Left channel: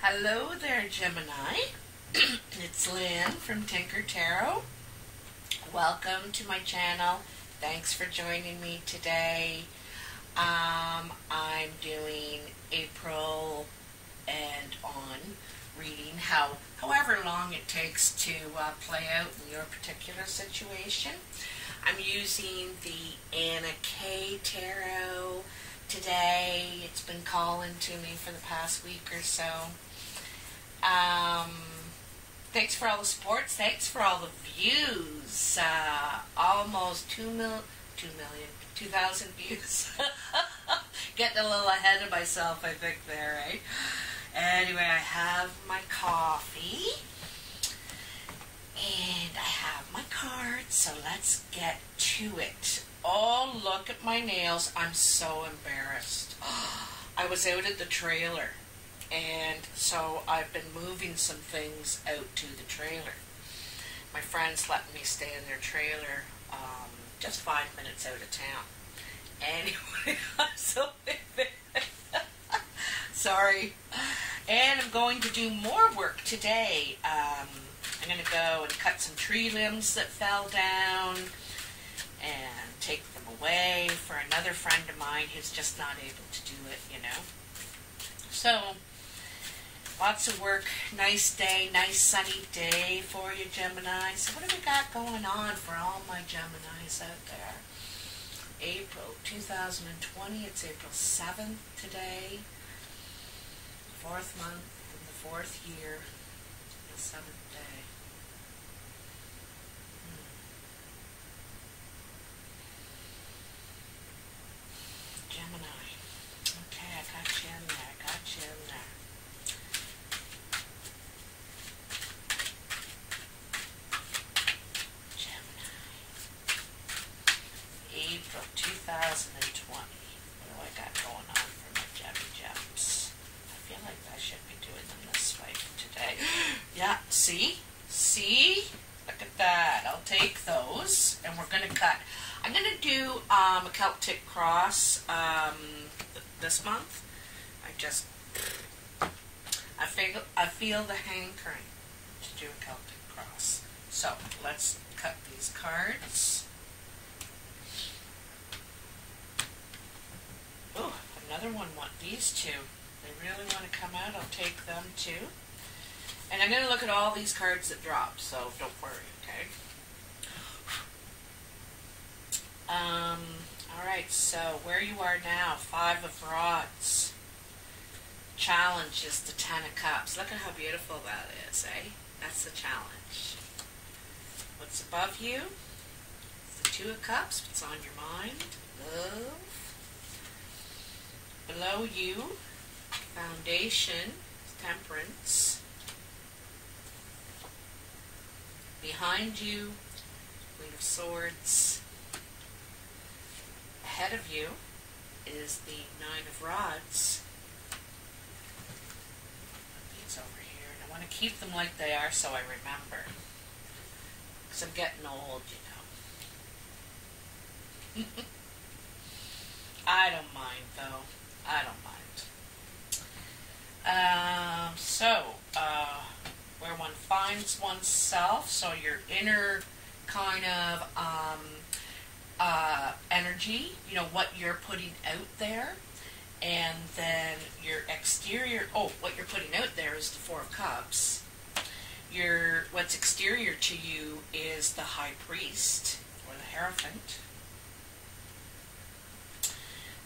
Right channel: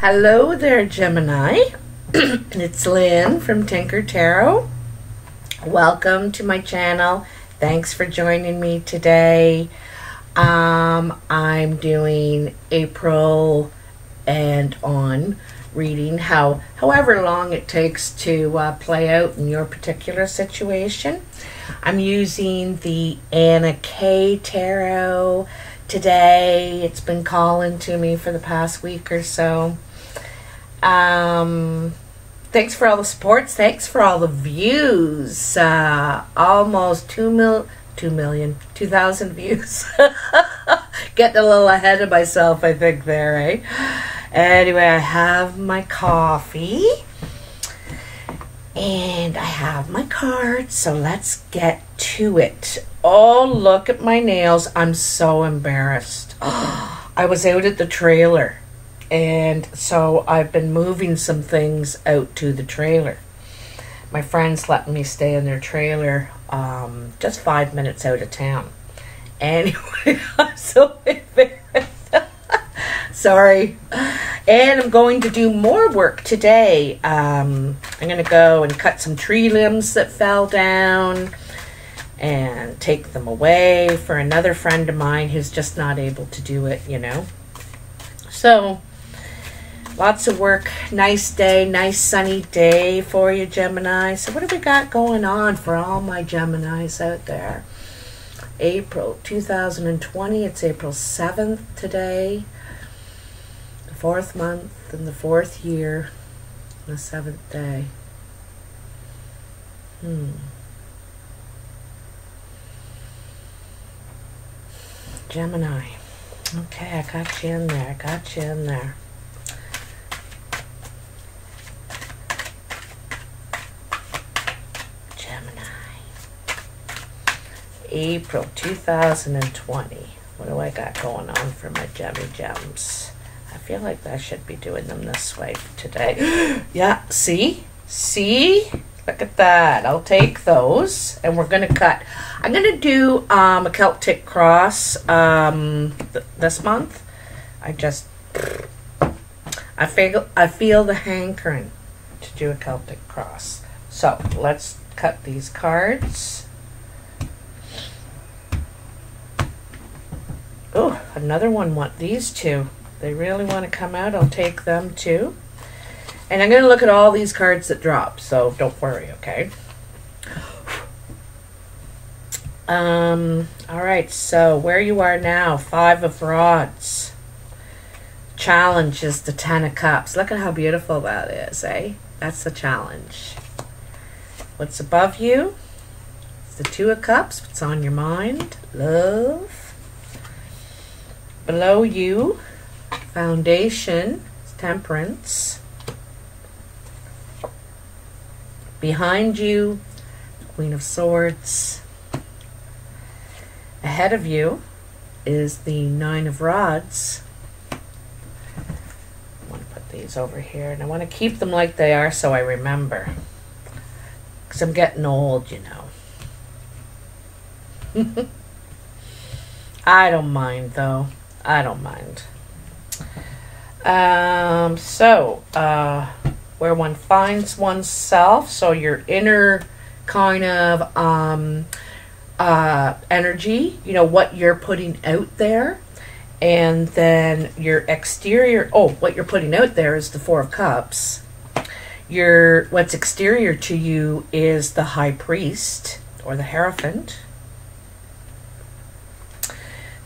Hello there, Gemini. It's Lynn from Tinker Tarot. Welcome to my channel. Thanks for joining me today. I'm doing April and on reading however long it takes to play out in your particular situation. I'm using the Anna K Tarot today. It's been calling to me for the past week or so. Thanks for all the supports. Thanks for all the views. Almost 2,000 views. Getting a little ahead of myself, I think, there, eh? Anyway, I have my coffee. And I have my cards, so let's get to it. Oh, look at my nails. I'm so embarrassed. I was out at the trailer. And so I've been moving some things out to the trailer. My friends let me stay in their trailer just 5 minutes out of town. Anyway, I'm so embarrassed. Sorry. And I'm going to do more work today. I'm going to go and cut some tree limbs that fell down and take them away for another friend of mine who's just not able to do it, you know. So lots of work. Nice day, nice sunny day for you, Gemini. So what have we got going on for all my Geminis out there? April 2020. It's April 7th today. The 4th month and the 4th year. The 7th day. Gemini. Okay, I got you in there. I got you in there. April 2020. What do I got going on for my gems? I feel like I should be doing them this way today. Yeah, see? See? Look at that. I'll take those. And we're going to cut. I'm going to do a Celtic cross this month. I feel the hankering to do a Celtic cross. So let's cut these cards. Oh, another one want these two. They really want to come out. I'll take them too. And I'm going to look at all these cards that drop, so don't worry, okay? All right, so where you are now, 5 of Rods. Challenge is the 10 of Cups. Look at how beautiful that is, eh? That's the challenge. What's above you? It's the 2 of Cups. What's on your mind? Love. Below you, Foundation, Temperance. Behind you, Queen of Swords. Ahead of you is the 9 of Rods. I want to put these over here, and I want to keep them like they are so I remember. Because I'm getting old, you know. I don't mind, though. I don't mind. Where one finds oneself, so your inner kind of energy, you know, what you're putting out there, and then your exterior, what you're putting out there is the 4 of Cups. What's exterior to you is the High Priest, or the Hierophant.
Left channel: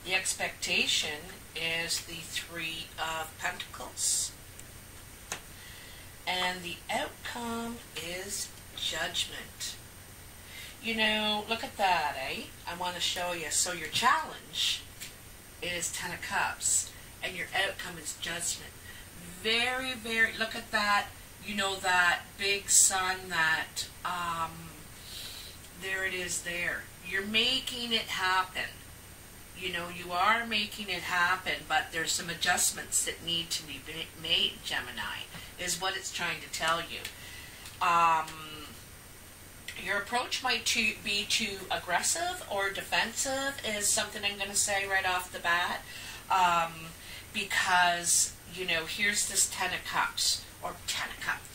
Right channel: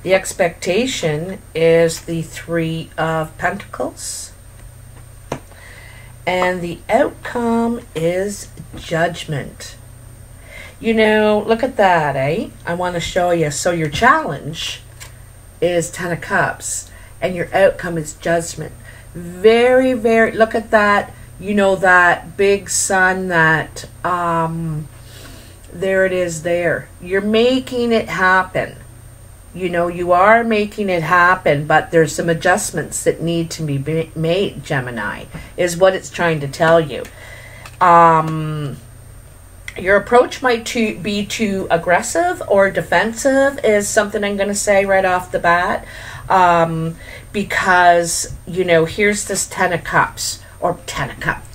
The expectation is the 3 of Pentacles. And the outcome is Judgment. You know, look at that, eh? I want to show you. So your challenge is 10 of Cups. And your outcome is Judgment. Very, very, look at that. You know, that big sun that, there it is there. You're making it happen. You know, you are making it happen, but there's some adjustments that need to be made, Gemini, is what it's trying to tell you. Your approach might be too aggressive or defensive is something I'm going to say right off the bat. Because, you know, here's this 10 of cups, or 10 of cups.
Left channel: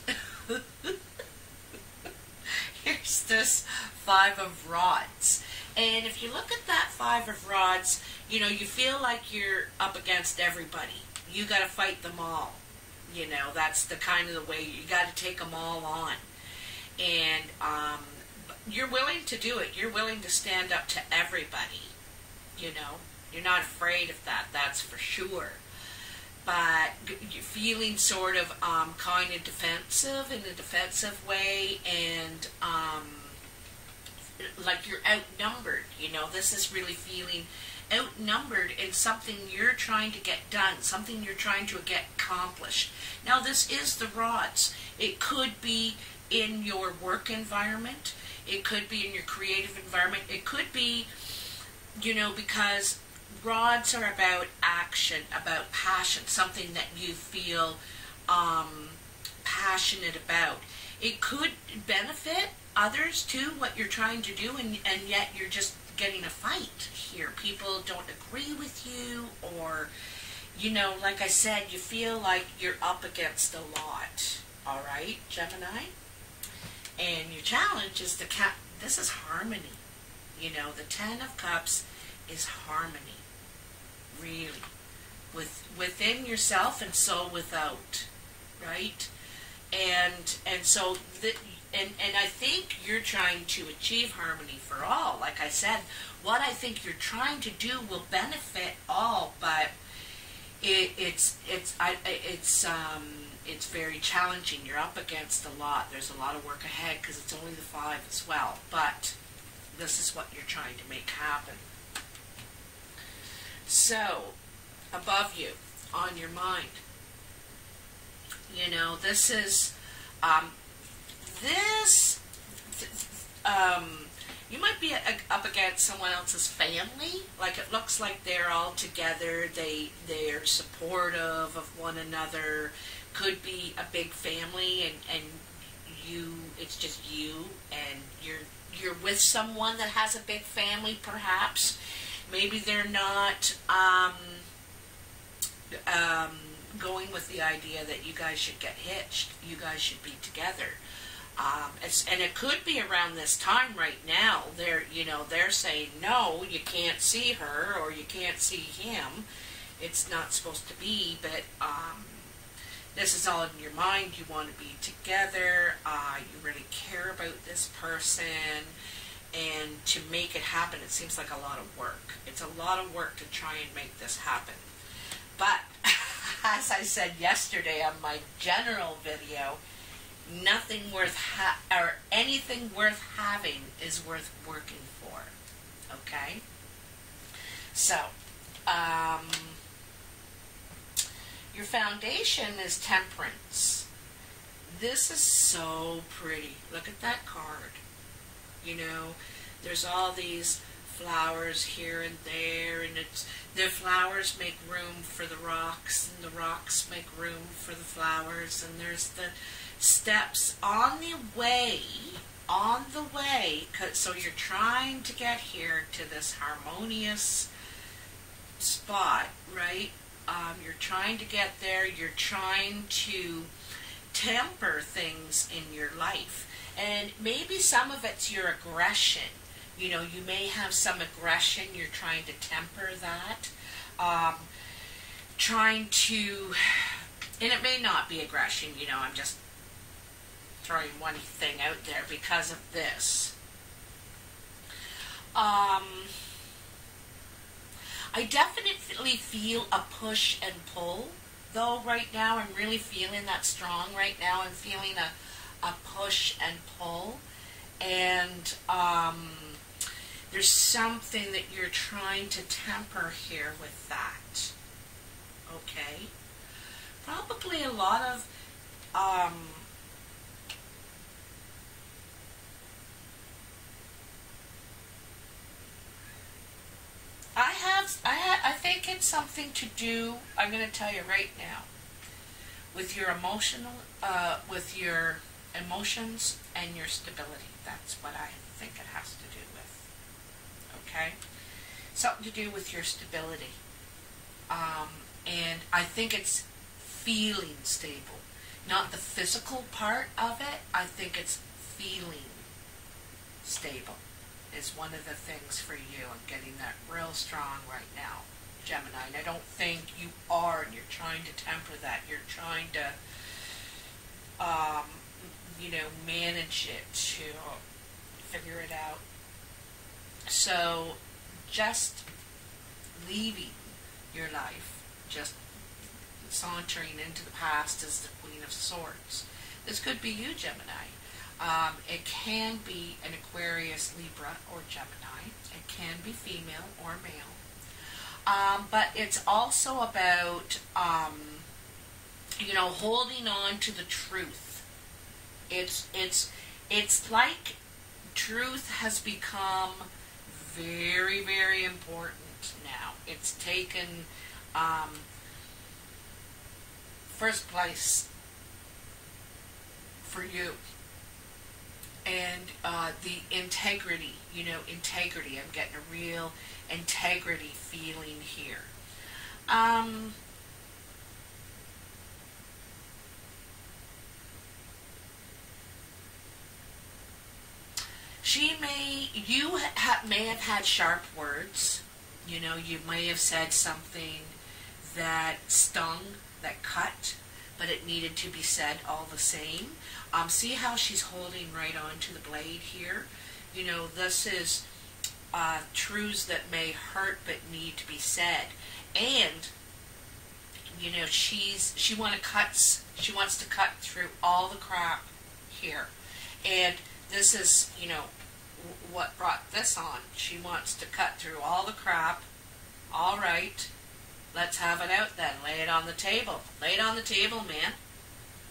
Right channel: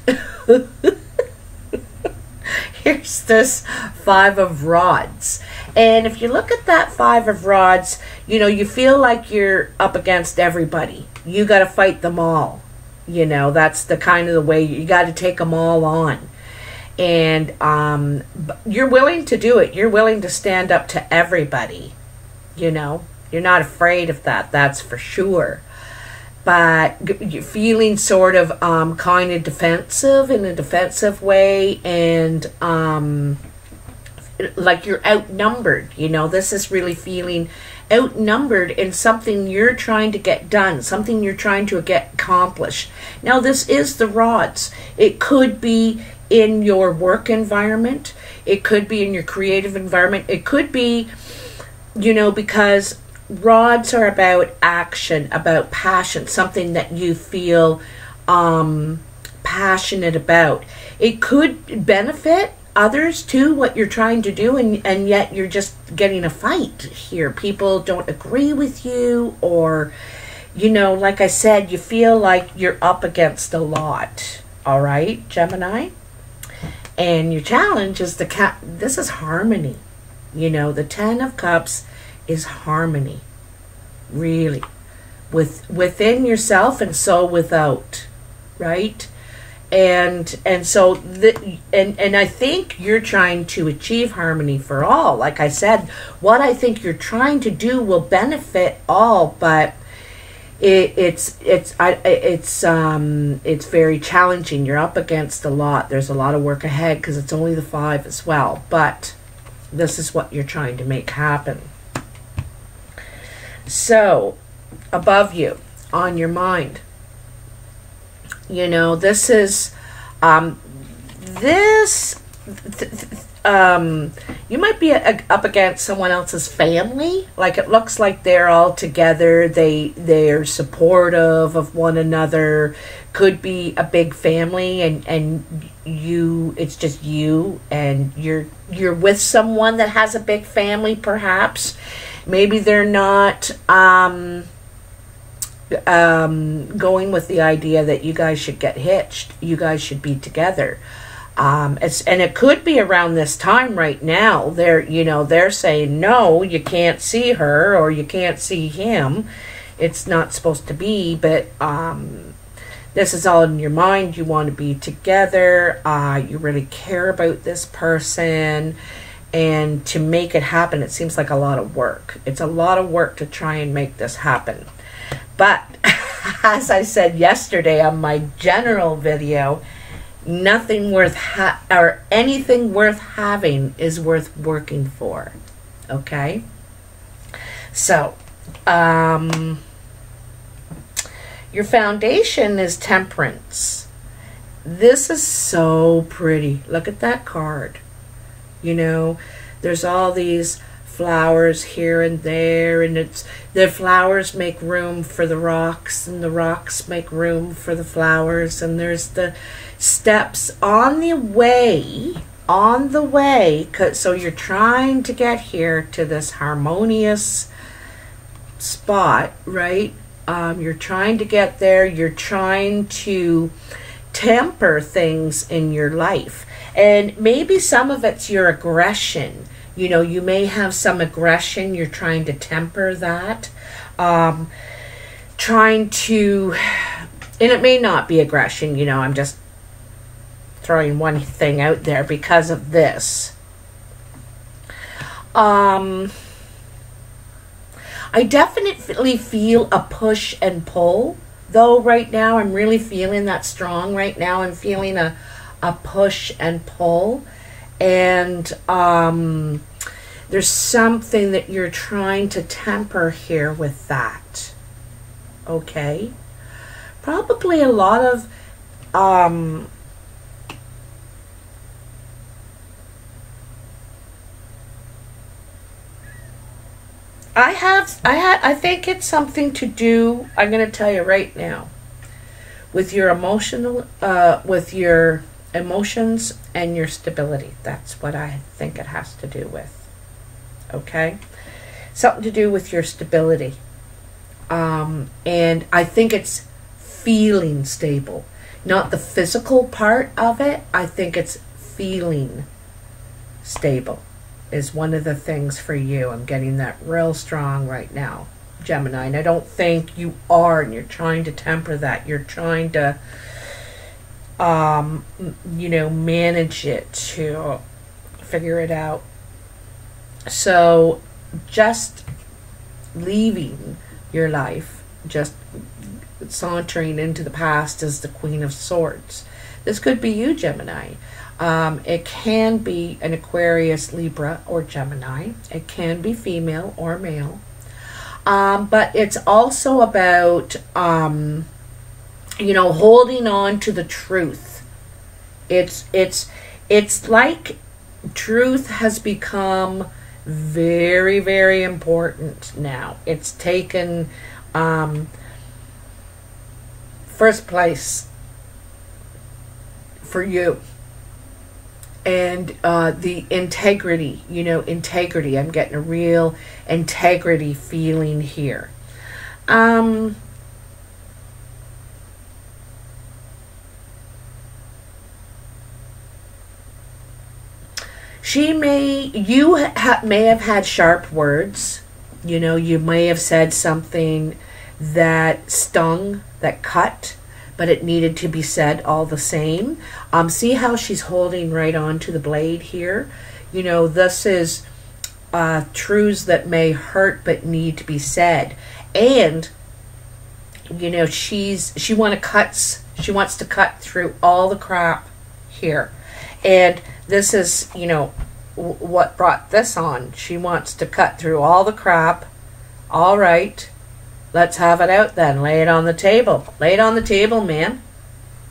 Here's this 5 of rods. And if you look at that 5 of rods, you know, you feel like you're up against everybody. You got to fight them all. You know, that's the kind of the way you got to take them all on. And you're willing to do it. You're willing to stand up to everybody. You know, you're not afraid of that. That's for sure. But you're feeling sort of kind of defensive, in a defensive way, and like you're outnumbered. You know, this is really feeling outnumbered in something you're trying to get done, something you're trying to get accomplished. Now, this is the rods. It could be in your work environment. It could be in your creative environment. It could be, you know, because rods are about action, about passion, something that you feel passionate about. It could benefit others too, what you're trying to do, and yet you're just getting a fight here. People don't agree with you, or, you know, like I said, you feel like you're up against a lot. All right, Gemini? And your challenge is this is harmony. You know, the 10 of Cups is harmony, really, within yourself and so without, right? And so and I think you're trying to achieve harmony for all. Like I said, what I think you're trying to do will benefit all, but it's very challenging. You're up against a lot. There's a lot of work ahead because it's only the 5 as well. But this is what you're trying to make happen. So, above you, on your mind, you know, this is, you might be up against someone else's family. Like, it looks like they're all together. They're supportive of one another. Could be a big family, and you, it's just you, and you're with someone that has a big family, perhaps. Maybe they're not going with the idea that you guys should get hitched. You guys should be together. And it could be around this time right now. They're saying, no, you can't see her, or you can't see him. It's not supposed to be, but this is all in your mind. You want to be together. You really care about this person. And to make it happen, it seems like a lot of work. It's a lot of work to try and make this happen. But as I said yesterday on my general video, nothing worth or anything worth having is worth working for. Okay? So, your foundation is Temperance. This is so pretty. Look at that card. You know, there's all these flowers here and there, and the flowers make room for the rocks, and the rocks make room for the flowers, and there's the steps on the way, so you're trying to get here to this harmonious spot, right? You're trying to get there. You're trying to temper things in your life. And maybe some of it's your aggression. You know, you may have some aggression. You're trying to temper that. Trying to, and it may not be aggression. You know, I'm just throwing one thing out there because of this. I definitely feel a push and pull, though, right now. I'm really feeling that strong right now. I'm feeling a push and pull, and there's something that you're trying to temper here with that. Okay? Probably a lot of I think it's something to do, I'm going to tell you right now, with your with your emotions and your stability. That's what I think it has to do with. Okay? Something to do with your stability. And I think it's feeling stable, not the physical part of it. I think it's feeling stable is one of the things for you. I'm getting that real strong right now, Gemini, and I don't think you are, and you're trying to temper that. You're trying to you know, manage it, to figure it out. So just leaving your life, just sauntering into the past as the Queen of Swords. This could be you, Gemini. It can be an Aquarius, Libra, or Gemini. It can be female or male. But it's also about, you know, holding on to the truth. It's like truth has become very, very important now. It's taken first place for you. And the integrity, you know, integrity. I'm getting a real integrity feeling here. You may have had sharp words. You know, you may have said something that stung, that cut, but it needed to be said all the same. See how she's holding right on to the blade here? You know, this is truths that may hurt but need to be said. And, you know, she wants to cut through all the crap here. And this is, you know, what brought this on. She wants to cut through all the crap. All right. Let's have it out then. Lay it on the table. Lay it on the table, man.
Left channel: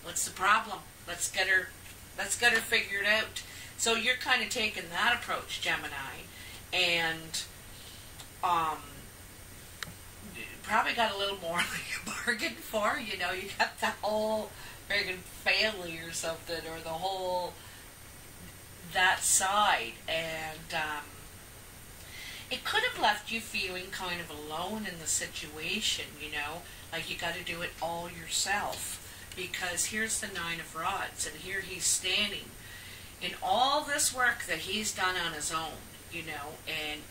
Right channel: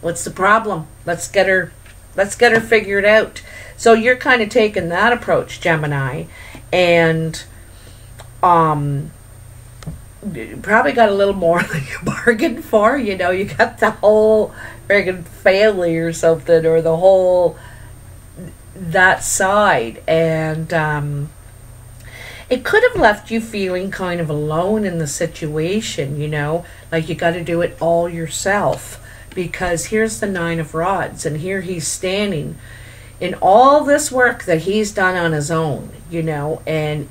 What's the problem? Let's get her figured out. So you're kind of taking that approach, Gemini, and you probably got a little more than you bargained for. You know, you got the whole friggin' family or something, or the whole that side, and it could have left you feeling kind of alone in the situation, you know, like you got to do it all yourself, because here's the Nine of Rods, and here he's standing in all this work that he's done on his own, you know, and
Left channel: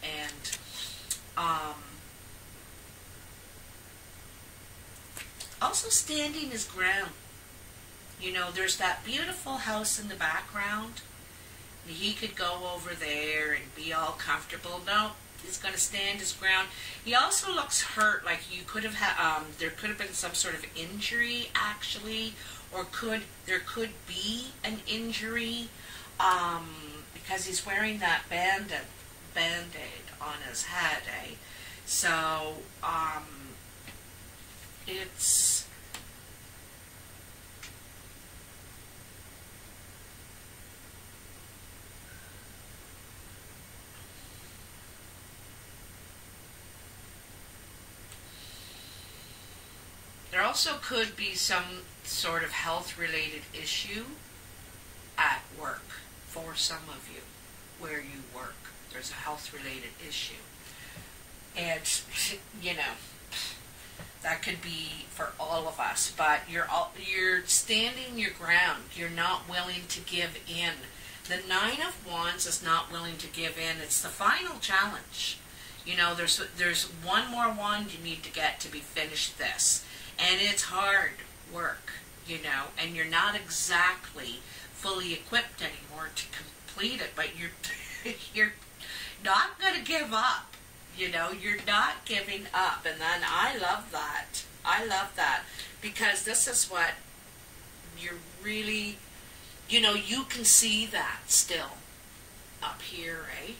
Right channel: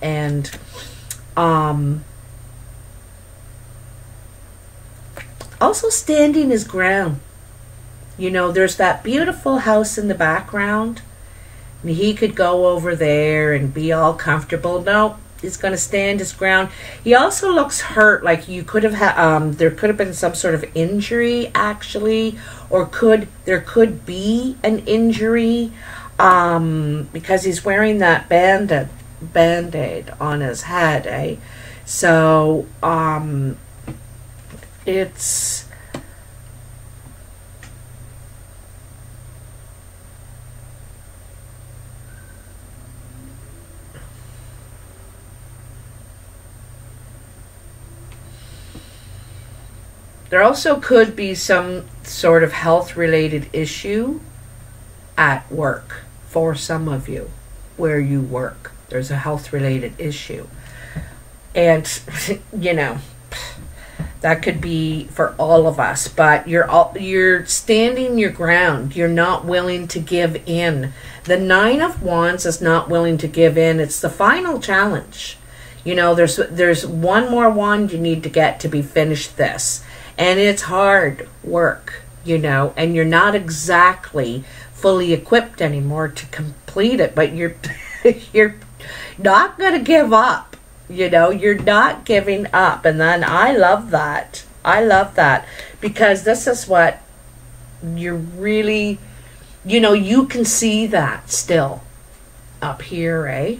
also standing his ground. You know, there's that beautiful house in the background, and he could go over there and be all comfortable. No, he's going to stand his ground. He also looks hurt, like you could have had, there could have been some sort of injury, actually, or there could be an injury, because he's wearing that band-aid on his head, eh? So, it's... There also could be some sort of health-related issue at work for some of you, where you work. There's a health-related issue. And, you know, that could be for all of us. But you're standing your ground. You're not willing to give in. The Nine of Wands is not willing to give in. It's the final challenge. You know, there's one more wand you need to get to be finished this. And it's hard work, you know, and you're not exactly fully equipped anymore to complete it, but you're not going to give up, you know, you're not giving up. And then I love that. I love that, because this is what you're really, you know, you can see that still up here, eh?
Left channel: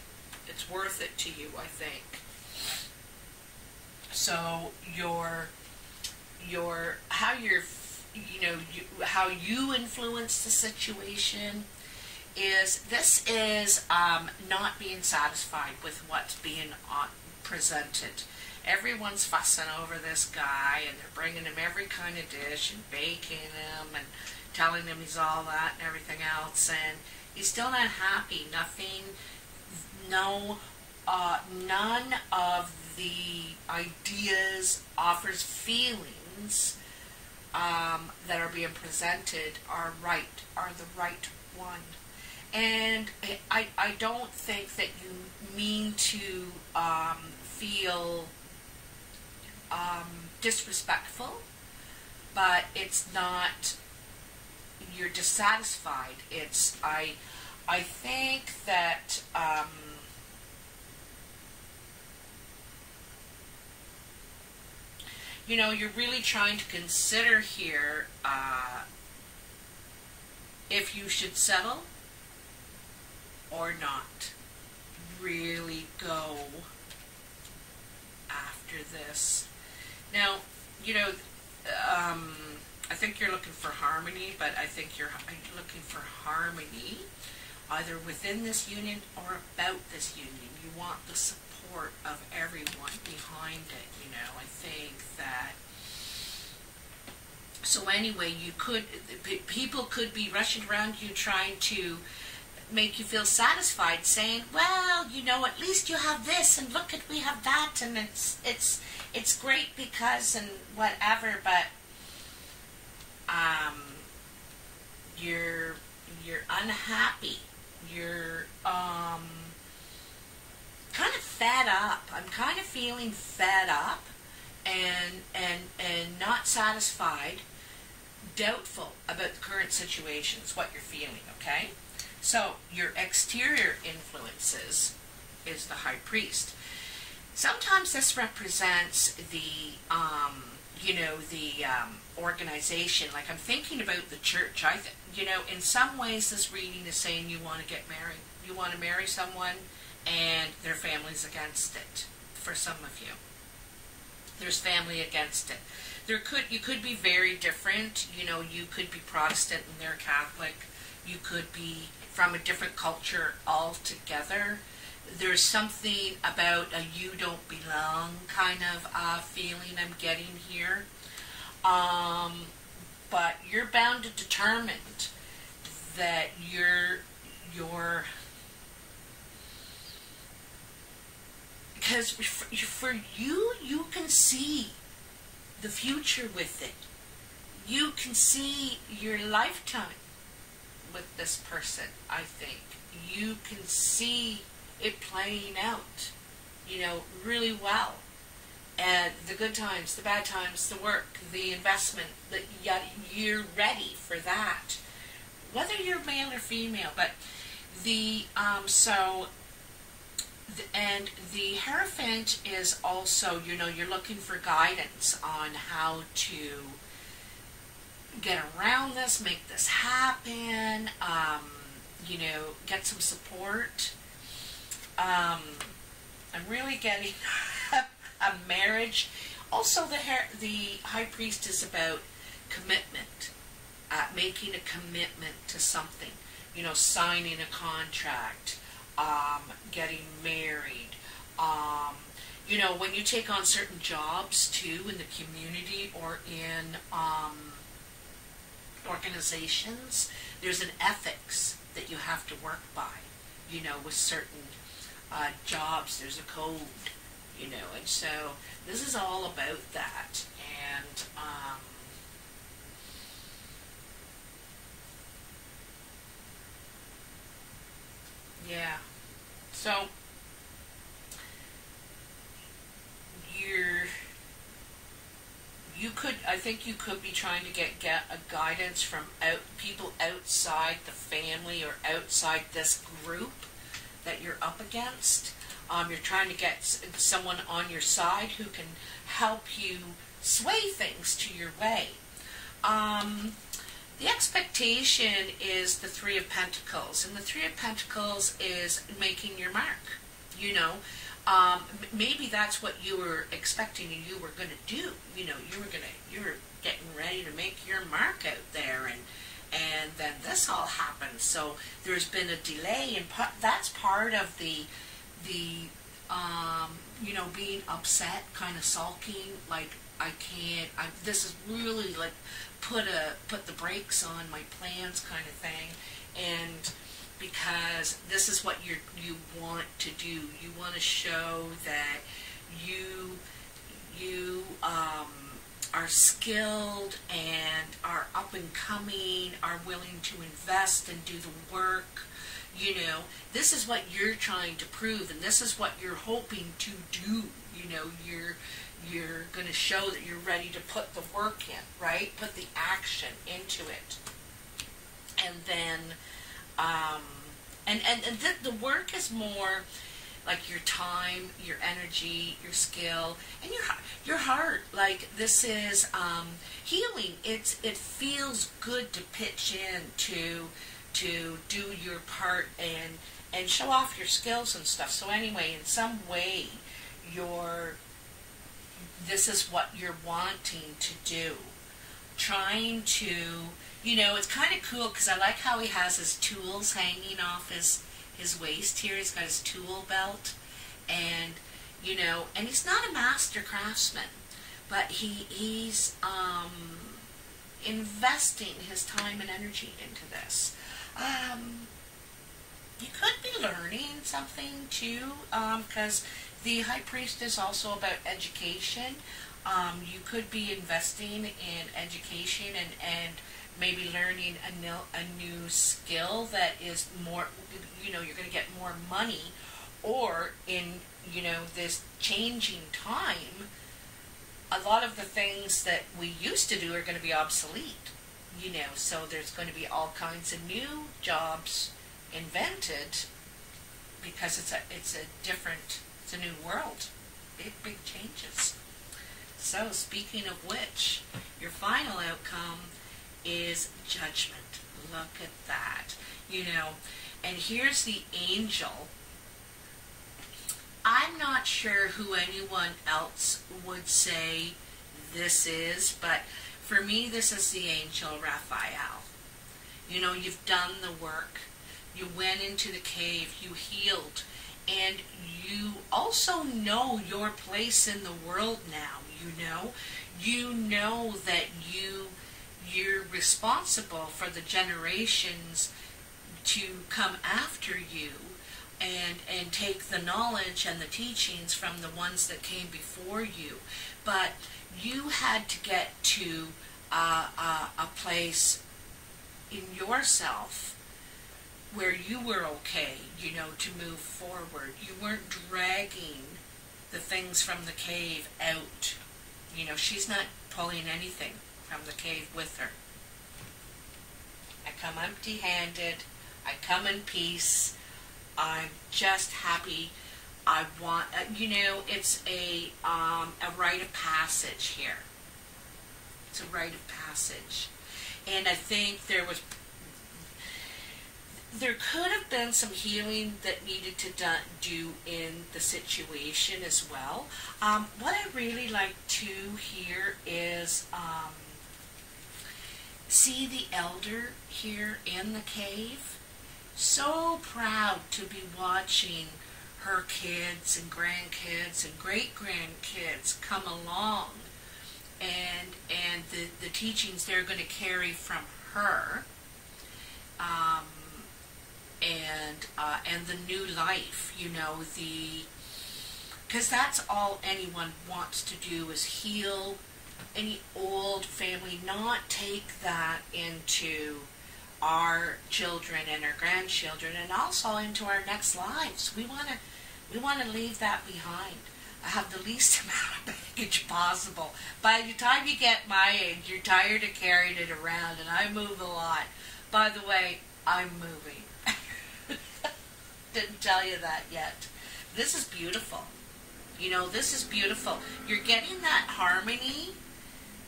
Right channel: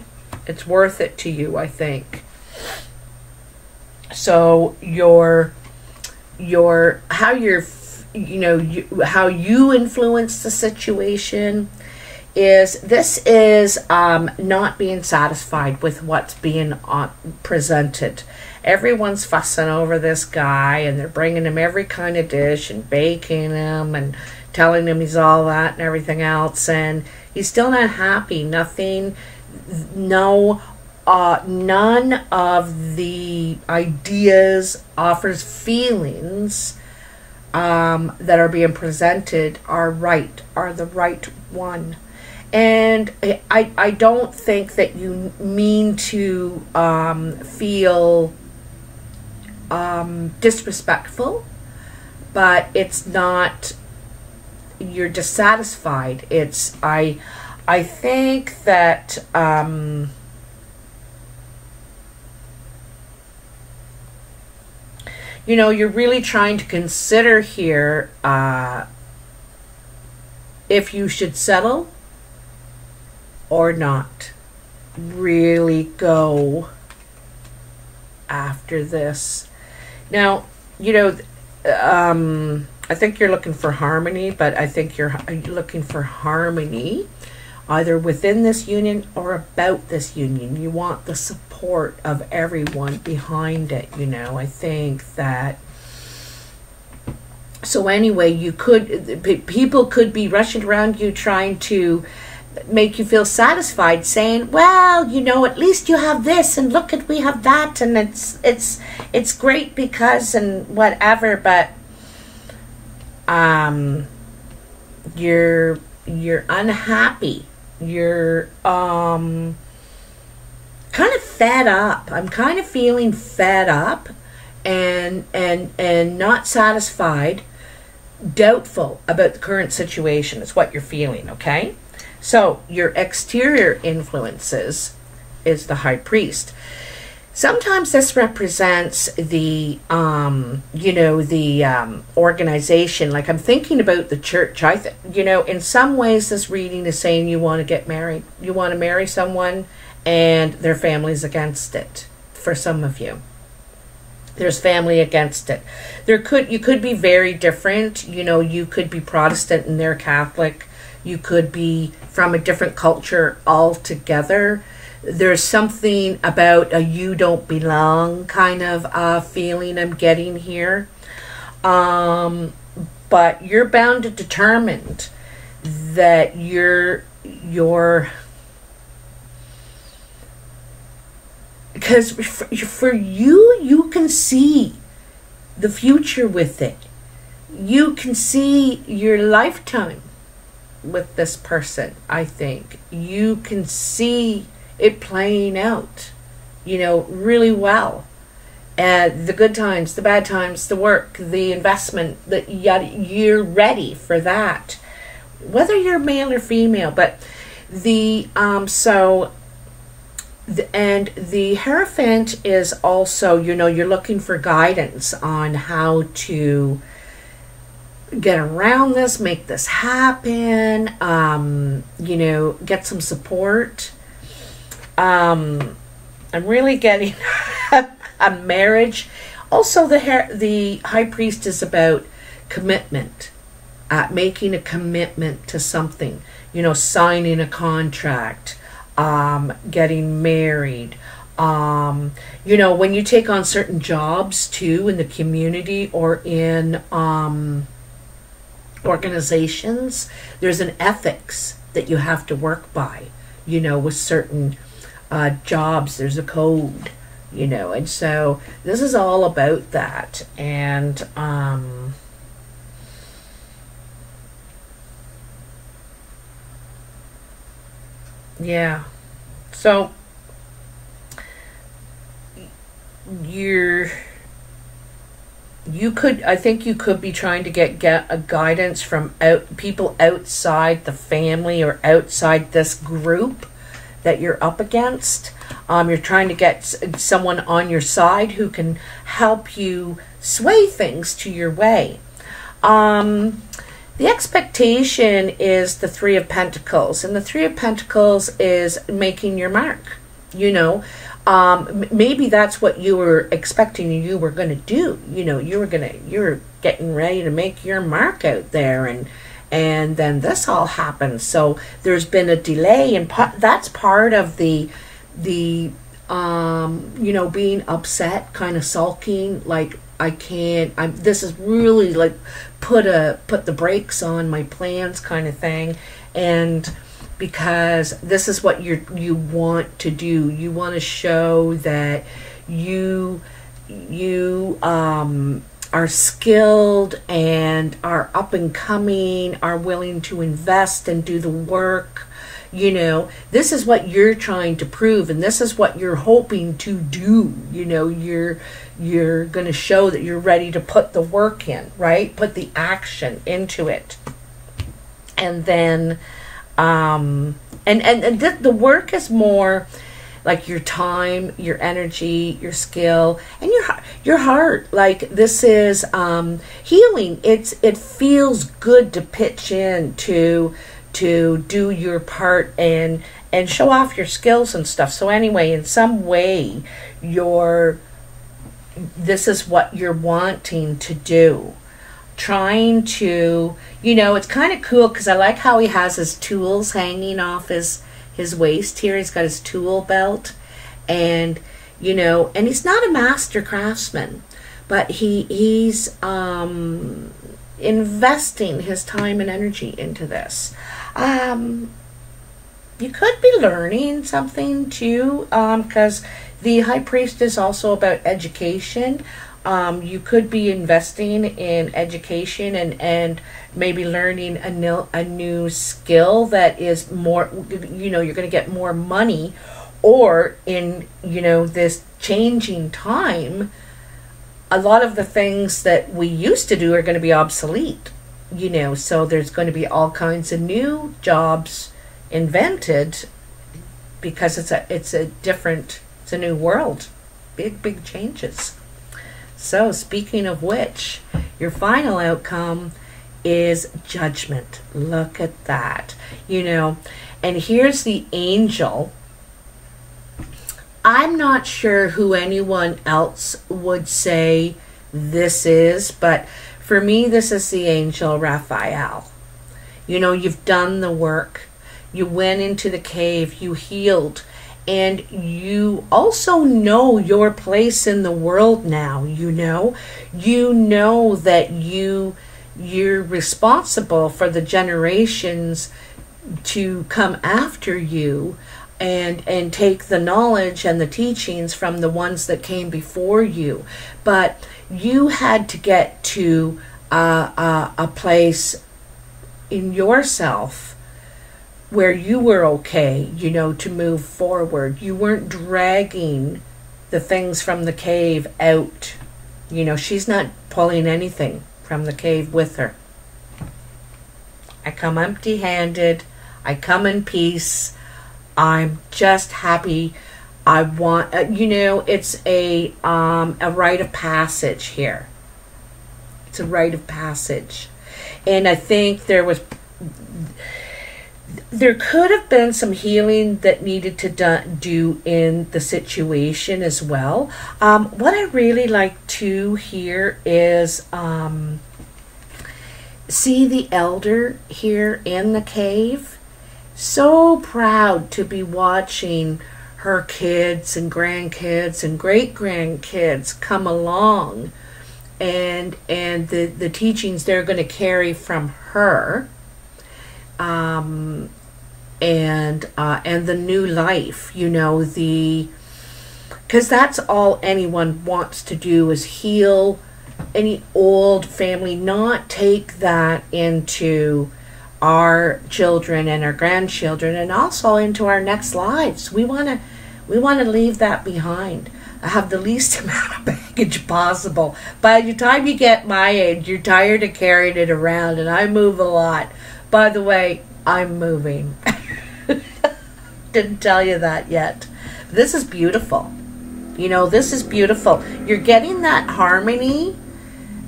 It's worth it to you, I think. So how you influence the situation is not being satisfied with what's being presented. Everyone's fussing over this guy, and they're bringing him every kind of dish and baking him and telling him he's all that and everything else, and he's still not happy. Nothing, no none of the ideas, offers, feelings that are being presented are the right one. And I don't think that you mean to feel disrespectful, but it's not, you're dissatisfied. It's, I think that you know, you're really trying to consider here if you should settle or not. Really go after this. Now, you know, I think you're looking for harmony, but I think you're looking for harmony either within this union or about this union. You want the support of everyone behind it, you know. I think that, so anyway, you could, people could be rushing around you trying to make you feel satisfied, saying, well, you know, at least you have this, and look at, we have that, and it's great because, and whatever, but you're unhappy. You're kind of fed up. I'm kind of feeling fed up and not satisfied, doubtful about the current situation is what you're feeling, okay? So your exterior influences is the High Priest. Sometimes this represents the, you know, the organization. Like, I'm thinking about the church. You know, in some ways this reading is saying you want to get married. You want to marry someone and their family's against it. For some of you, there's family against it. You could be very different. You know, you could be Protestant and they're Catholic. You could be from a different culture altogether. There's something about a you don't belong kind of feeling I'm getting here. But you're bound and determined that you're because for you, you can see the future with it. You can see your lifetime with this person, I think. You can see it playing out, you know, really well. The good times, the bad times, the work, the investment, you're ready for that. Whether you're male or female, but the, and the Hierophant is also, you know, you're looking for guidance on how to get around this, make this happen, you know, get some support. I'm really getting a marriage. Also, the High Priest is about commitment, making a commitment to something, you know, signing a contract, getting married. You know, when you take on certain jobs too in the community or in organizations, there's an ethics that you have to work by, you know, with certain jobs. There's a code, you know, and so this is all about that. And yeah, so I think you could be trying to get a guidance from people outside the family or outside this group that you're up against. You're trying to get someone on your side who can help you sway things to your way. The expectation is the Three of Pentacles, and the Three of Pentacles is making your mark. You know, maybe that's what you were expecting you were going to do. You know, you were getting ready to make your mark out there, and then this all happened. So there's been a delay, and that's part of the you know, being upset, kind of sulking, like, this is really like put the brakes on my plans kind of thing. And because this is what you want to do. You want to show that you are skilled and are up and coming, are willing to invest and do the work. You know, this is what you're trying to prove, and this is what you're hoping to do. You know, you're going to show that you're ready to put the work in, right? Put the action into it. And then the work is more like your time, your energy, your skill, and your heart. Like, this is healing. It feels good to pitch in to do your part and show off your skills and stuff. So anyway, in some way, this is what you're wanting to do. Trying to, you know, it's kind of cool because I like how he has his tools hanging off his waist here. He's got his tool belt, and you know, and he's not a master craftsman, but he's investing his time and energy into this. You could be learning something too, because the High Priest is also about education. You could be investing in education and maybe learning a new skill that is more, you know, you're going to get more money, or in, you know, this changing time, a lot of the things that we used to do are going to be obsolete, you know, so there's going to be all kinds of new jobs invented because it's a new world. Big changes. So, speaking of which, your final outcome is judgment. Look at that. You know, and here's the angel. I'm not sure who anyone else would say this is, but for me, this is the angel Raphael. You know, you've done the work. You went into the cave. You healed. And you also know your place in the world now. You know that you're responsible for the generations to come after you, and take the knowledge and the teachings from the ones that came before you. But you had to get to a place in yourself where you were okay, you know, to move forward. You weren't dragging the things from the cave out. You know, she's not pulling anything from the cave with her. I come empty-handed. I come in peace. I'm just happy. I want, you know, it's a rite of passage here. It's a rite of passage. And I think there could have been some healing that needed to do in the situation as well. What I really like to hear is see the elder here in the cave. So proud to be watching her kids and grandkids and great-grandkids come along, and the teachings they're going to carry from her. And the new life, you know, because that's all anyone wants to do is heal any old family, not take that into our children and our grandchildren, and also into our next lives. We want to leave that behind. I have the least amount of baggage possible. By the time you get my age, you're tired of carrying it around, and I move a lot. By the way, I'm moving. Didn't tell you that yet. This is beautiful. You know, this is beautiful. You're getting that harmony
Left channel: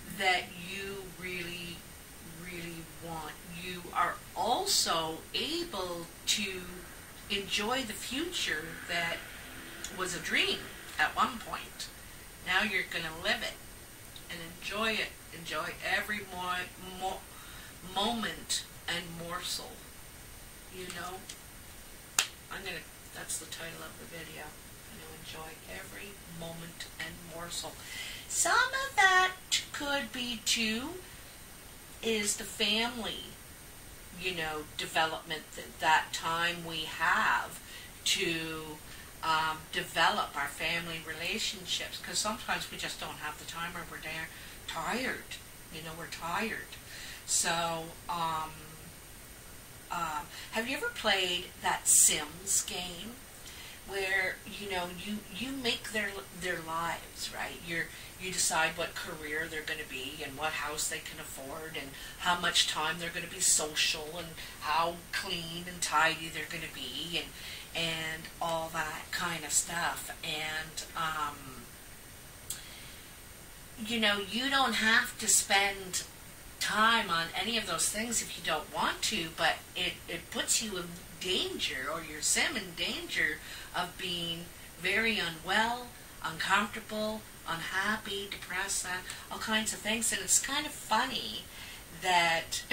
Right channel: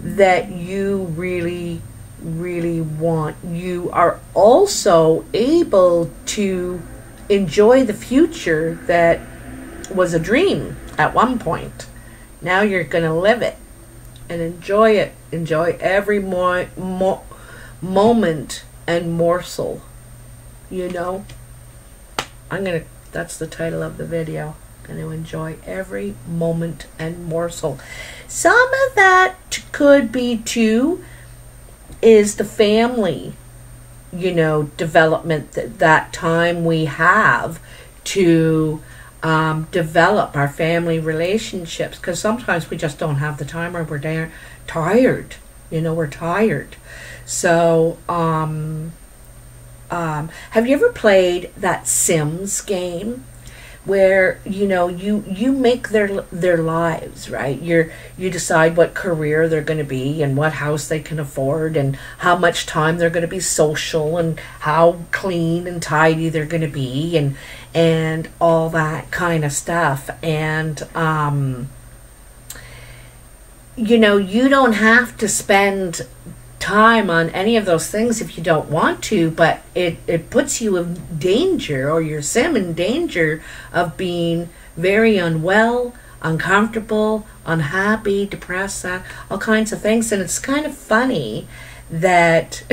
that you really, really want. You are also able to enjoy the future that was a dream at one point. Now you're going to live it and enjoy it. Enjoy every moment and morsel, you know. That's the title of the video. Going to enjoy every moment and morsel. Some of that could be too is the family you know, development, that time we have to develop our family relationships, because sometimes we just don't have the time, or we're tired, you know, we're tired. So have you ever played that Sims game where, you know, you make their lives, right? You decide what career they're going to be, and what house they can afford, and how much time they're going to be social, and how clean and tidy they're going to be, and all that kind of stuff. And you know, you don't have to spend time on any of those things if you don't want to, but it puts you in danger, or your sim in danger, of being very unwell, uncomfortable, unhappy, depressed, all kinds of things. And it's kind of funny that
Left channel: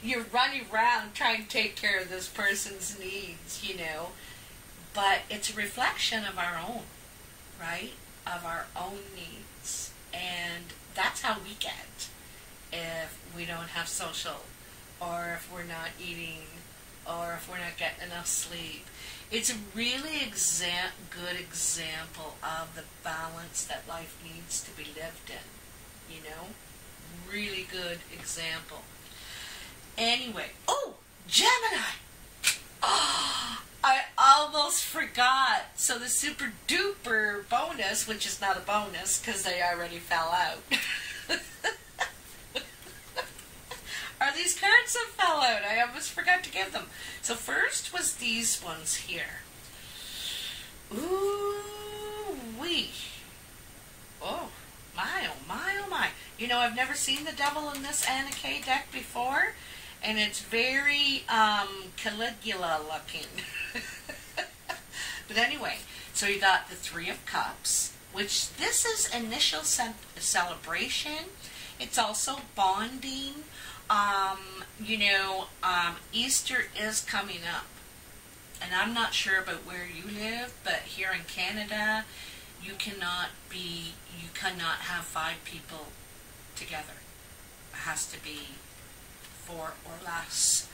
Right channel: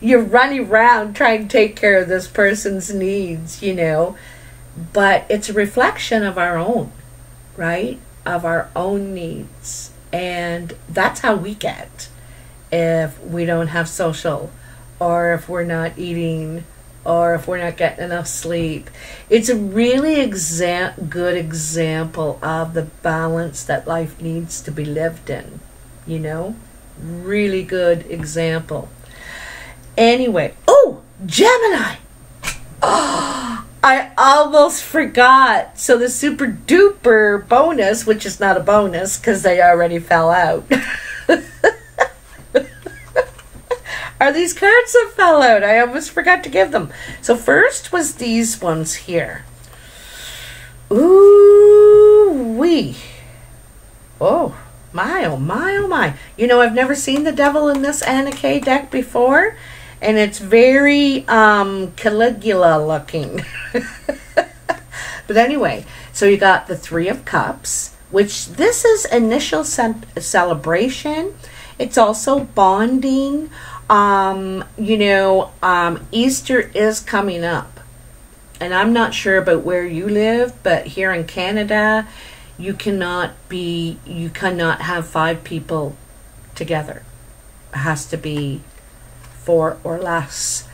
you're running around trying to take care of this person's needs, you know, but it's a reflection of our own, right? Of our own needs. And that's how we get if we don't have social, or if we're not eating, or if we're not getting enough sleep. It's a really good example of the balance that life needs to be lived in, you know? Really good example. Anyway, oh, Gemini! Oh, I almost forgot. So the super duper bonus, which is not a bonus because they already fell out, are these cards that fell out. I almost forgot to give them. So first was these ones here. Ooh wee. Oh my, oh my, oh my. You know, I've never seen the devil in this Anna K deck before. And it's very Caligula looking. But anyway, so you got the Three of Cups, which this is initial celebration. It's also bonding. You know, Easter is coming up. And I'm not sure about where you live, but here in Canada, you cannot have 5 people together. It has to be 4 or less.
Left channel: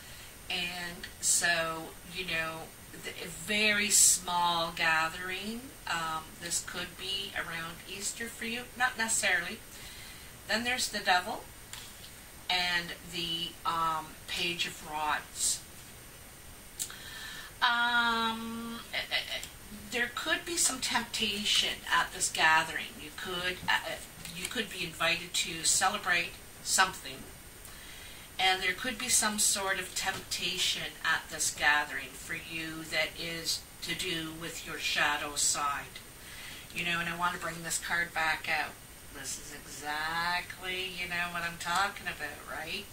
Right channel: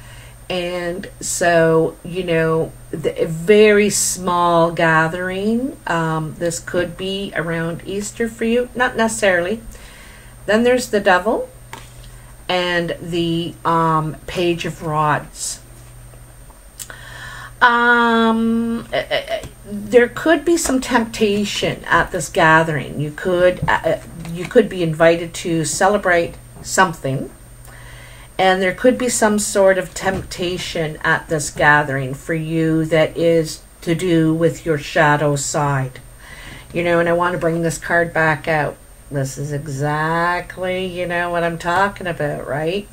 And so, you know, a very small gathering. This could be around Easter for you, not necessarily. Then there's the devil and the Page of Rods. There could be some temptation at this gathering. You could be invited to celebrate something. And there could be some sort of temptation at this gathering for you that is to do with your shadow side. You know, and I want to bring this card back out. This is exactly, you know, what I'm talking about, right?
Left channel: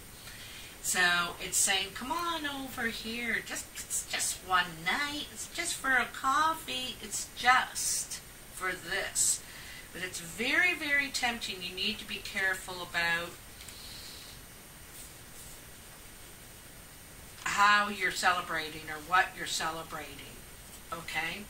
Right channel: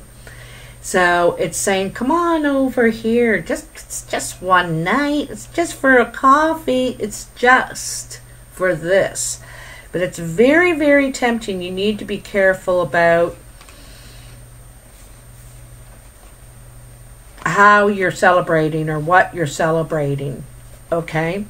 So it's saying, come on over here. It's just one night. It's just for a coffee. It's just for this. But it's very, very tempting. You need to be careful about how you're celebrating or what you're celebrating, okay?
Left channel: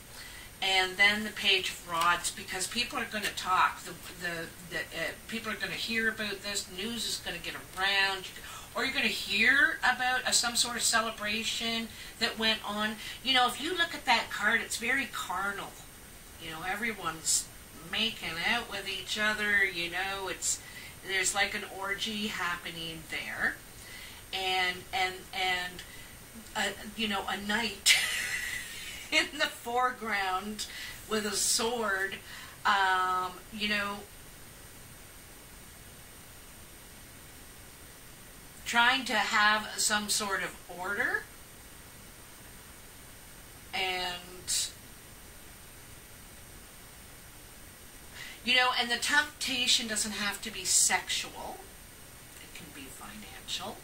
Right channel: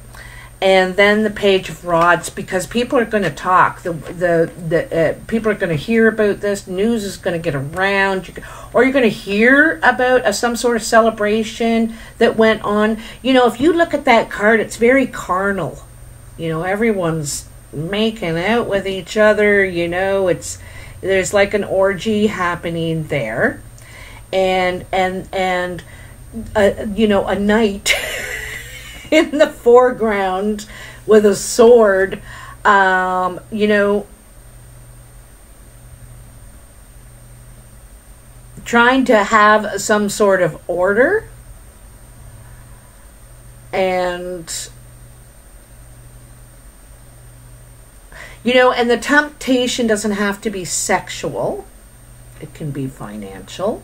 And then the Page of Rods, because people are going to talk. The people are going to hear about this. News is going to get around, or you're going to hear about some sort of celebration that went on. You know, if you look at that card, it's very carnal. You know, everyone's making out with each other. You know, there's like an orgy happening there. And you know, a knight in the foreground with a sword, you know, trying to have some sort of order. And you know, and the temptation doesn't have to be sexual. It can be financial.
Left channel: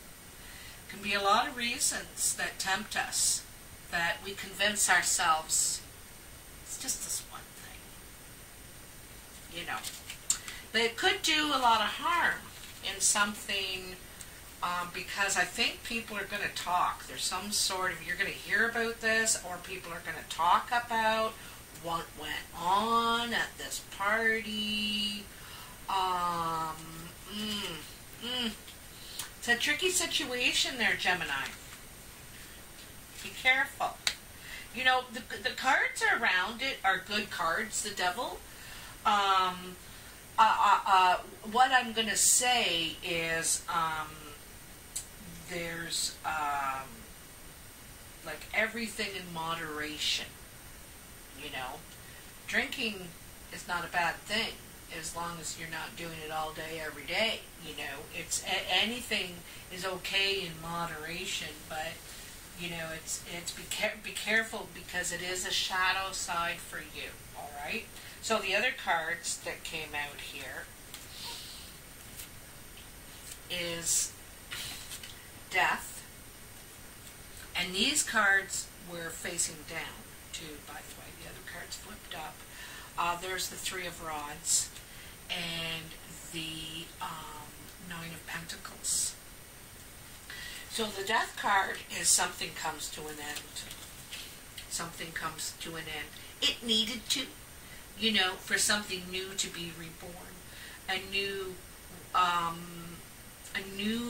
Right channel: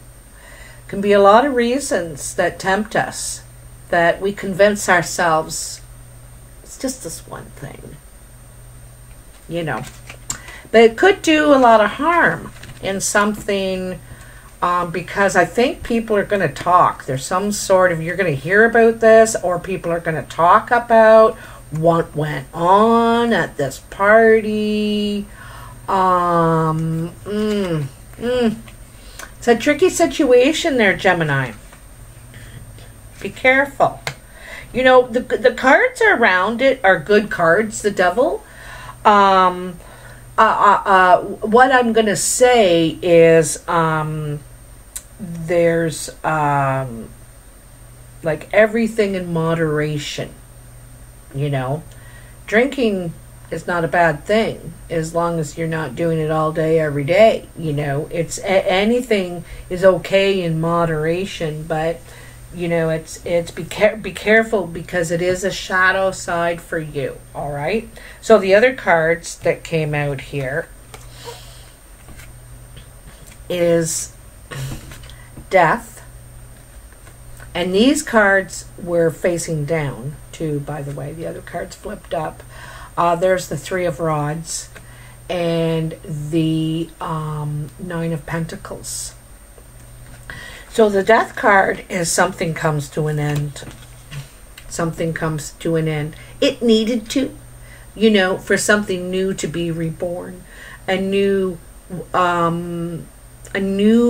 Can be a lot of reasons that tempt us, that we convince ourselves it's just this one thing, you know. But it could do a lot of harm in something, because I think people are going to talk. There's some sort of, you're going to hear about this, or people are going to talk about what went on at this party. It's a tricky situation there, Gemini. Be careful. You know, the cards around it are good cards, the devil. What I'm going to say is there's like everything in moderation, you know. Drinking is not a bad thing as long as you're not doing it all day, every day, you know. It's anything is okay in moderation, but you know, it's be careful because it is a shadow side for you, all right? So the other cards that came out here is Death. And these cards were facing down too, by the way. The other cards flipped up. There's the Three of Rods and the Nine of Pentacles. So the Death card is something comes to an end. Something comes to an end. It needed to, you know, for something new to be reborn. A new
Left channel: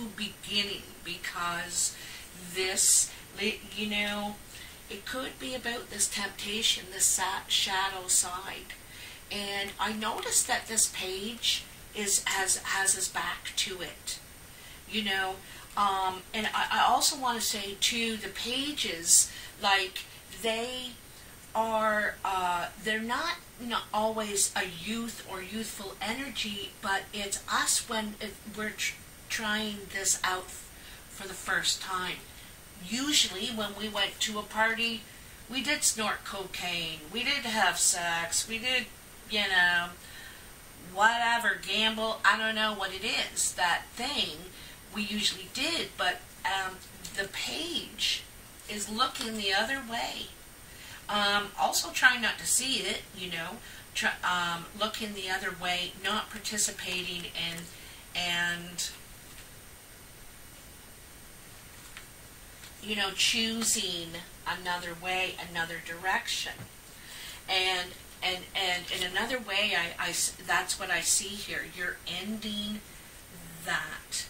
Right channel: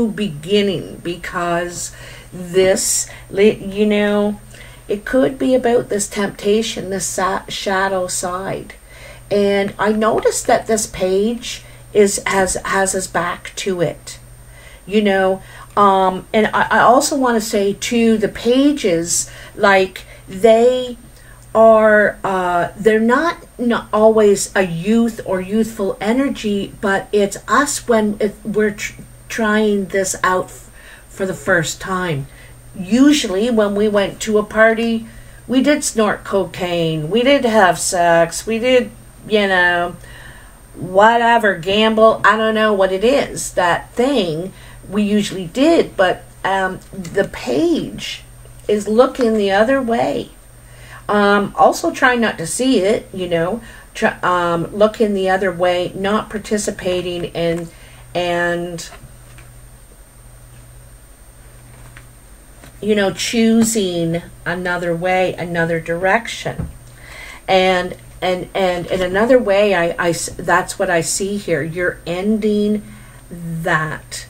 beginning, because this, you know, it could be about this temptation, this shadow side. And I noticed that this page has his back to it, you know. And I also want to say too, the pages, like they are, they're not always a youth or youthful energy, but it's us when we're trying this out for the first time. Usually when we went to a party, we did snort cocaine, we did have sex, we did, you know, whatever, gamble, I don't know what it is, that thing we usually did, but the page is looking the other way. Also try not to see it, you know, looking the other way, not participating in, and you know, choosing another way, another direction. And in another way, I that's what I see here. You're ending that.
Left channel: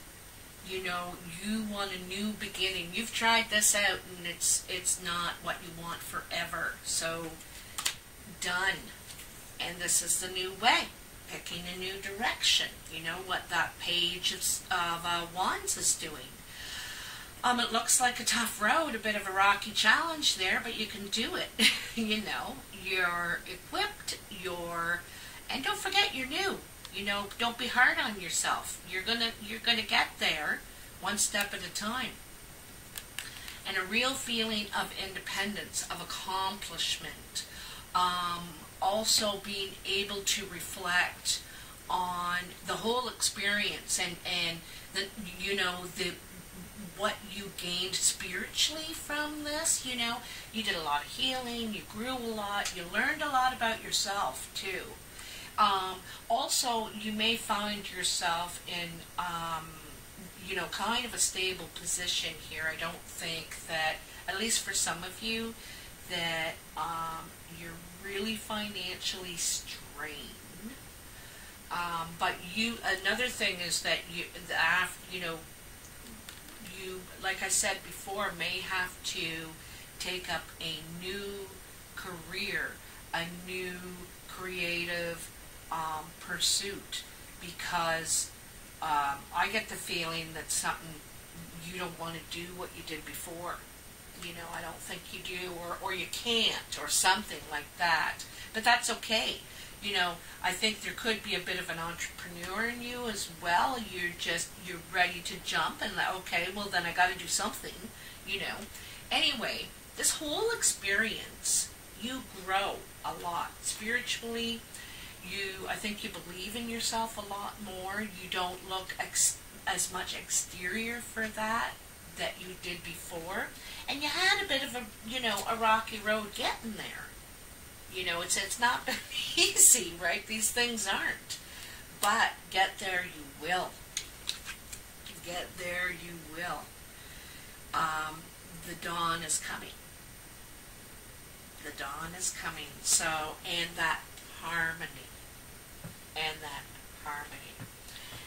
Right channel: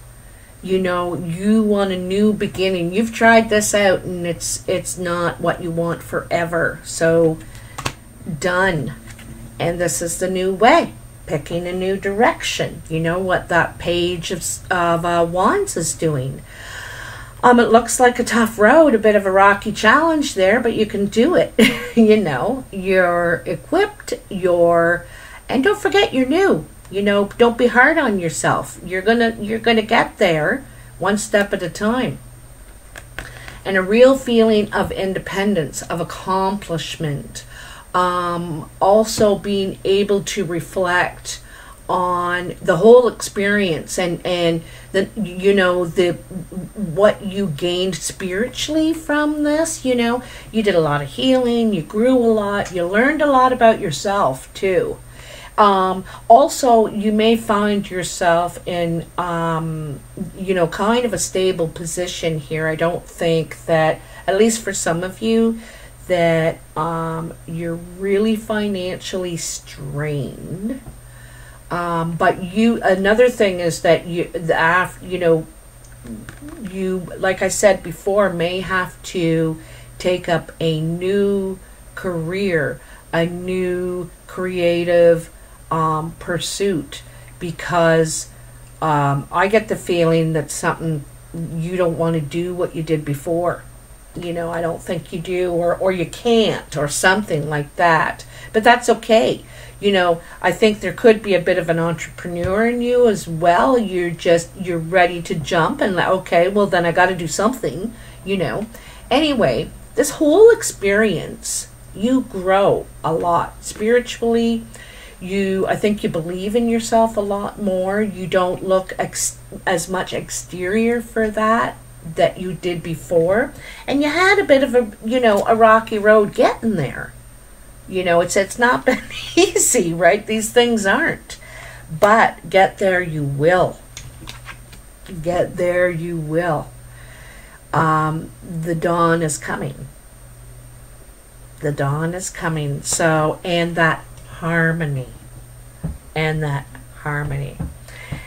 You know, you want a new beginning. You've tried this out and it's not what you want forever. So done. And this is the new way. Picking a new direction. You know what that page of Wands is doing. It looks like a tough road, a bit of a rocky challenge there, but you can do it. You know, you're equipped, and don't forget you're new. You know, don't be hard on yourself. You're gonna get there one step at a time. And a real feeling of independence, of accomplishment. Also being able to reflect on the whole experience and the, you know, the what you gained spiritually from this. You know, you did a lot of healing, you grew a lot, you learned a lot about yourself too. Also, you may find yourself in, you know, kind of a stable position here. I don't think that, at least for some of you, that you're really financially strained. But another thing is that you know, you, like I said before, may have to take up a new career, a new creative pursuit, because I get the feeling that something, you don't want to do what you did before. You know, I don't think you do, or you can't, or something like that. But that's okay. You know, I think there could be a bit of an entrepreneur in you as well. You're ready to jump and like, okay, well then I got to do something, you know. Anyway, this whole experience, you grow a lot spiritually. I think you believe in yourself a lot more. You don't look as much exterior for that you did before. And you had a bit of a, you know, a rocky road getting there. You know, it's not been easy, right? These things aren't. But get there you will. Get there you will. The dawn is coming. The dawn is coming. So, and that harmony. And that harmony.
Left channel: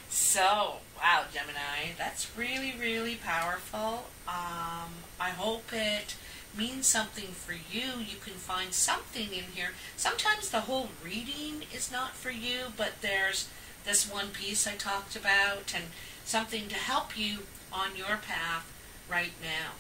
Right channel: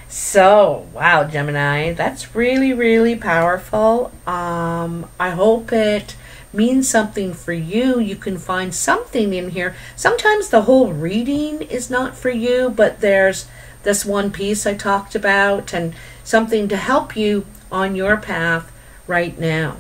So, wow, Gemini, that's really, really powerful. I hope it means something for you. You can find something in here. Sometimes the whole reading is not for you, but there's this one piece I talked about and something to help you on your path right now.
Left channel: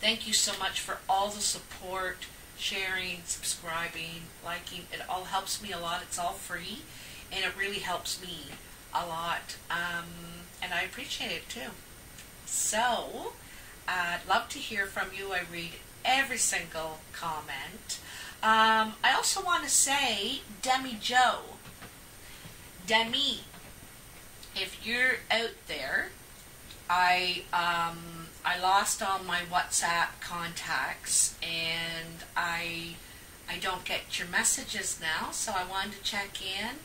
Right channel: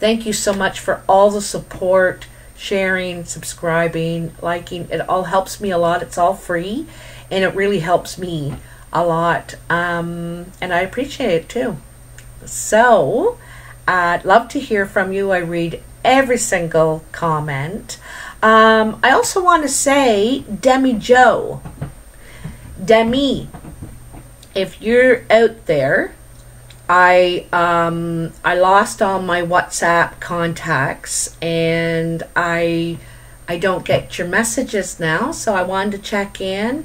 Thank you so much for all the support, sharing, subscribing, liking. It all helps me a lot. It's all free, and it really helps me a lot. And I appreciate it too. So, I'd love to hear from you. I read every single comment. I also want to say, Demi Joe, Demi, if you're out there, I lost all my WhatsApp contacts, and I don't get your messages now, so I wanted to check in,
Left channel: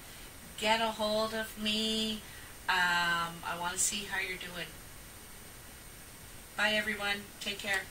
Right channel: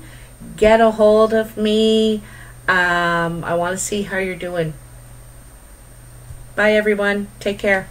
get a hold of me. I want to see how you're doing. Bye everyone, take care.